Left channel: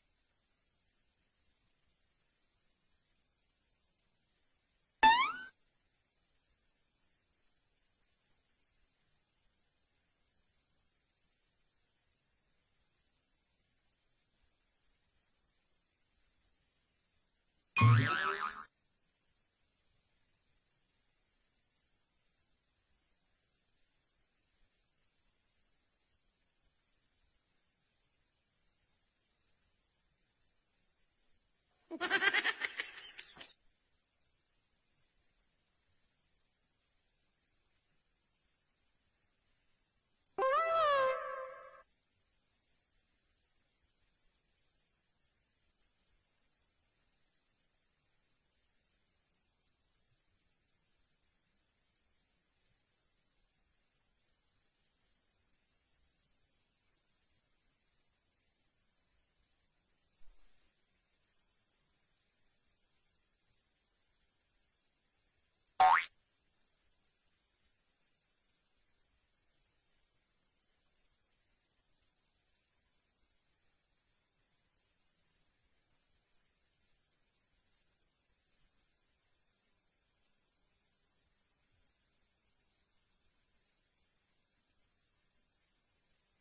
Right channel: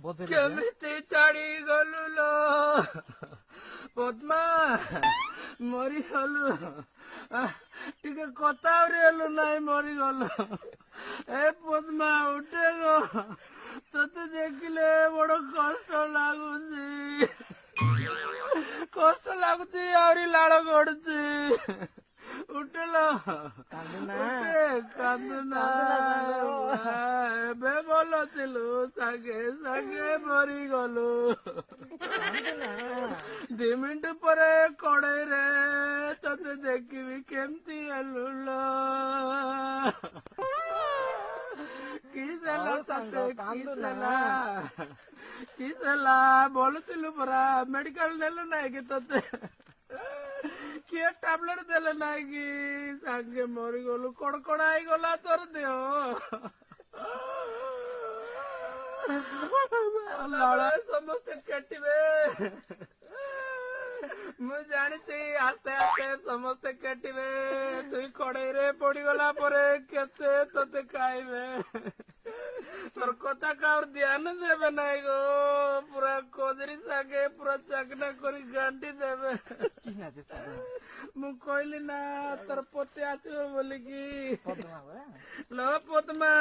କେମିତି ଛାଡି ଗଲୁ ଲୋ ପଦ୍ମା ମରିଗଲୁ ଟିକେ କଥା ହେଲୁ ନାଇଁ ମରିଗଲୁ ଏ ପଦ୍ମା ଉଠେ ଗୋ ତତେ ଦେଖିଲେ ବଡ କଷ୍ଟ ଲାଗୁଛି ଆହୁରି ଲାଳ ଗଡୁଛି ଉଠିଲ କାନ୍ଦୁନା ଏବେ ଭଲ ଥିଲୁ ସାଙ୍ଗେ ସାଙ୍ଗେ ମରିଗଲୁ 2 ମିନିଟ ପରେ କଡେଇରେ ତତେ ଦେଖିବି କେମିତି ହେଲୁ କିସେଲା ତତେ କିସେଲା ବୋଲୁଥିଲୁ ପରା ମେଡିକାଲ ନେଲୁ ନାଇଁ କି ତତେ କିଏ ଟାବଲେଟ ଦେଲେ ନାଇଁ କି ସାଙ୍ଗେ ମରିଗଲୁ କଡକଡା ହେଇଗଲା ତୋର ଦେହ ସମସ୍ତେ କେଟିବେ ମୁଁ ଜାଣିଛି ଆସ୍ତେ ଆସ୍ତେ ସମସ୍ତେ କେଟିବେ ତୁଇ କଡେଇରେ ପଡିଗଲା ପରେ କେତେ ତତେ ଖାଇବେ ତୋର କଥା କାହାର ଧ୍ୟାନ ଦେବେ ନାଇଁ ଗୋ ପୁରା କଦରୀ ସାଙ୍ଗେ ପୁରା ଚାକନା କରି ଗାଣ୍ଟି ଦେବେ ମୁଁ କହିଲି ନା ତୋର ପତି ଆସିବ ବୋଲିକି ଲୋ ପଦ୍ମା